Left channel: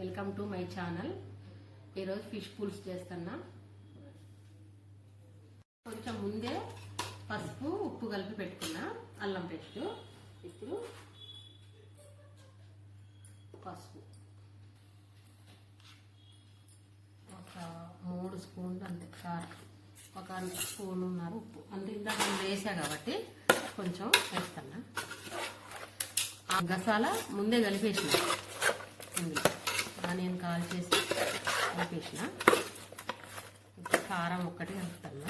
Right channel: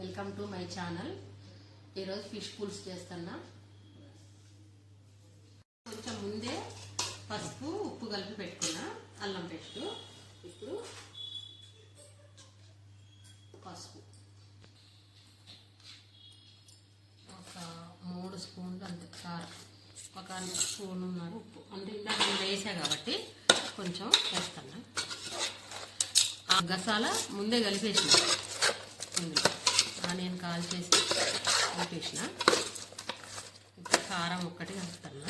Welcome to my channel. ఈరోజు fish పులుసు చేస్తున్నా. కొంచెం ముందే పసుపు ఉప్పు కలిపి పెట్టుకున్నా, అల్లం పేస్ట్. ఇప్పుడు పసుపు ఒక 3 స్పూన్లు అంతే, కారం ఒక 1 స్పూన్ ఉన్నారు, ఉప్పు అంటే ఇలా నేను వేసా కాబట్టి కొంచెం వేస్తున్నా. ఆ గసాల ముందే కలిపేసిన, ఇందులో ఆనియన్ కాల్ చేసి కలిపేసిన. ఇప్పుడు కారం ఒక్కటి కలుపుతున్నా.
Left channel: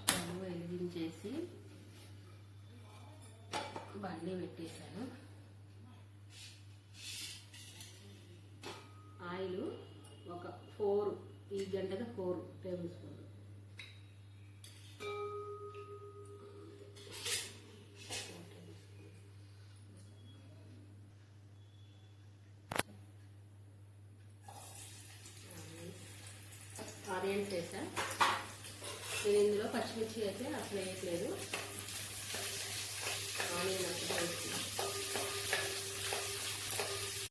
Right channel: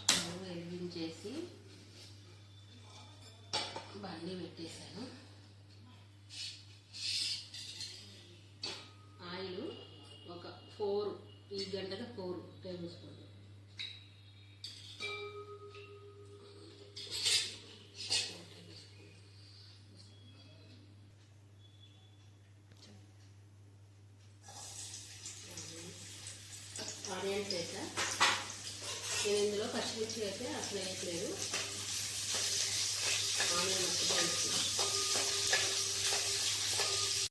స్టవ్ వెలిగించేసి బండి పెట్టేశాను. ఆయిల్ ఒక 4, ఈ గంటకు 4 టేబుల్ స్పూన్లు. ఆనియన్స్ వేసా. నేను ఇందులో పచ్చిమిర్చి అయితే అసలు వేయట్లేదు, ఆనియన్ అసలు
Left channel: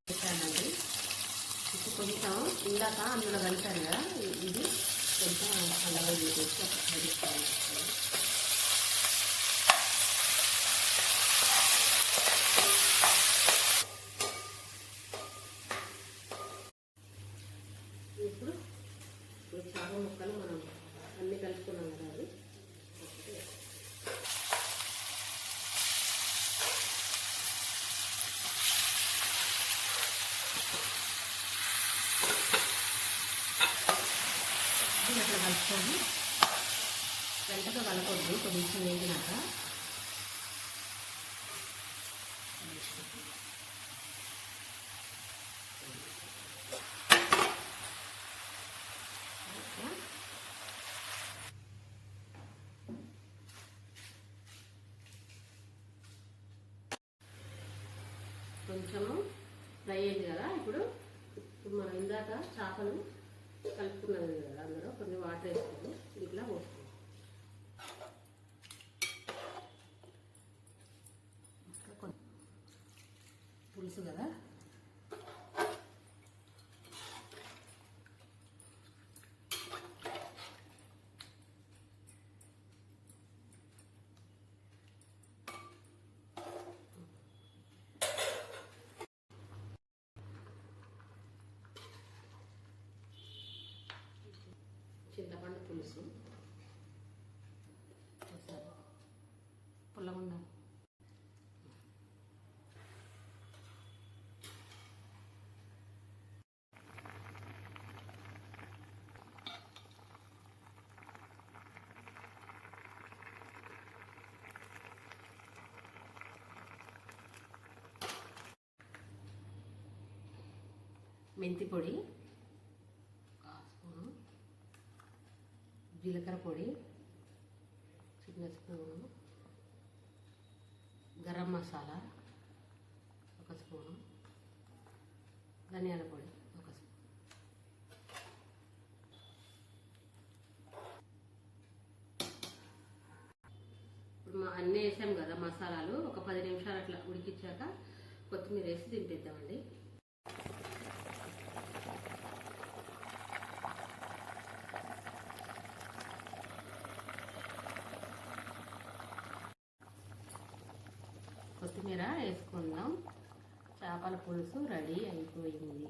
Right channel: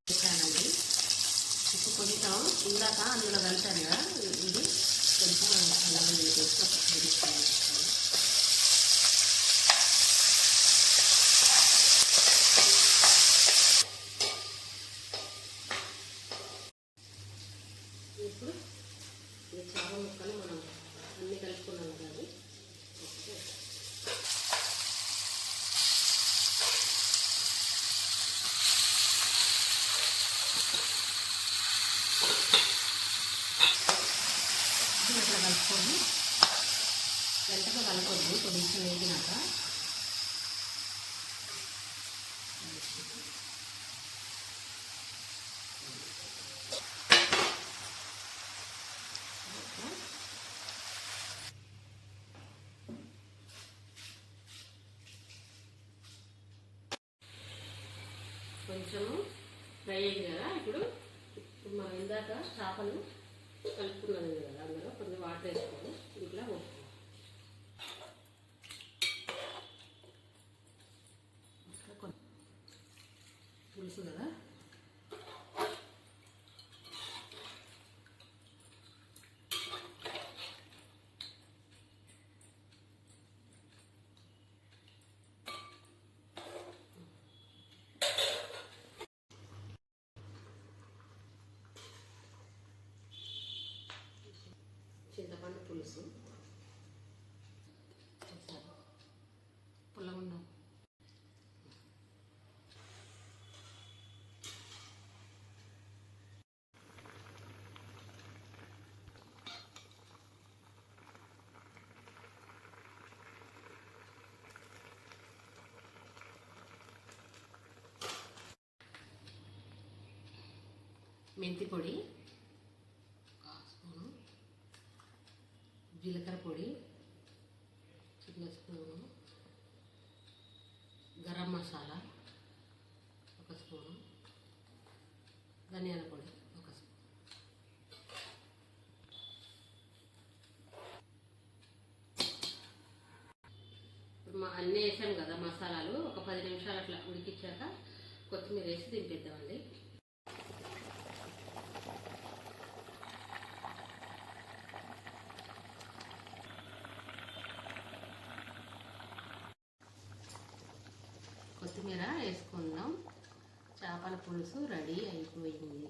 వేసానండి. ఇప్పుడు కొంచెం ఇందాక అందులో కలిపాను కదా, ఇది కొంచెం అలాగే వేసేసి ఒక 5 స్పూన్లు. ఇప్పుడు చాలా ముక్కలు మనం అన్నీ కలుపుకున్నాం కదా, అది అట్లా కలుపుకొని వెంటగా కలపొద్దు, కొంచెం వేగినాక కొంచెము ఫ్రై అయింది కదా. ఇప్పుడు మనం ఇందాక చేపలు కలుపుకున్నాం కదా, అందులో కొన్ని వాటర్ వేసుకొని ఇట్లా పోసుకున్నాం. పులుసు కదా, చింతపండు పులుసు పుల్లగుండం. మెంతి పొడి, జీలకర్ర పొడి చిన్న స్పూను, గరం మసాలా 1 స్పూను, ధనియాల పొడి 1 స్పూన్. ఇప్పుడు అన్నీ వేసాం కదా మసాలాలు, ఒక 10 నిమిషాలు అట్లా ఉడికించాక కొత్తిమీర వేసి దింపేద్దామండి. కొత్తిమీర వేసుకుందాం. చేపల పులుసు రెడీ అయిపోయింది.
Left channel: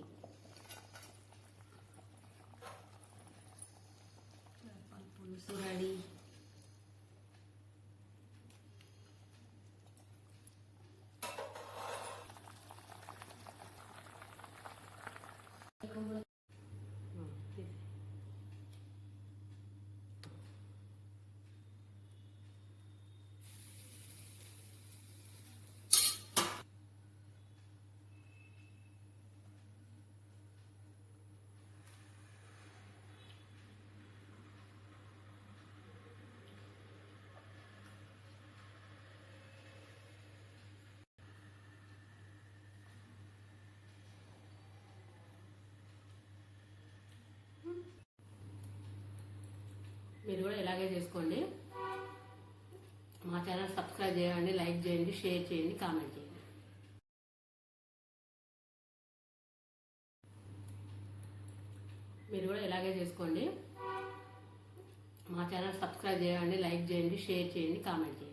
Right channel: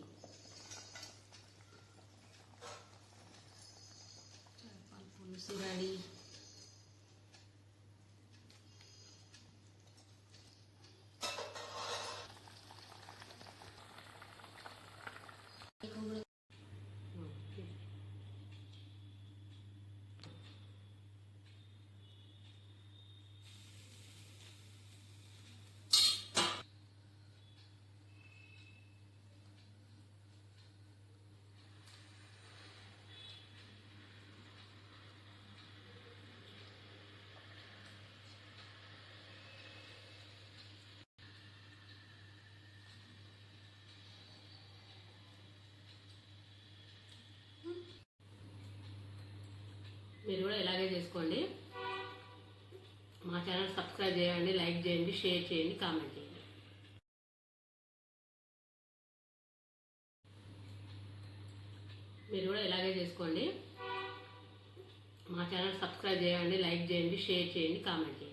చేపల పులుసు రెడీ. మీరు కూడా ఇలాగే చేసుకోండి. మా ఛానల్ సబ్స్క్రైబ్ చేయండి, లైక్ చేయండి, షేర్ చేయండి, కామెంట్ చేయండి. మీరు కూడా ఇలాగే చేసుకోండి. మా ఛానల్ సబ్స్క్రైబ్ చేయండి, లైక్ చేయండి, షేర్ చేయండి, కామెంట్ చేయండి.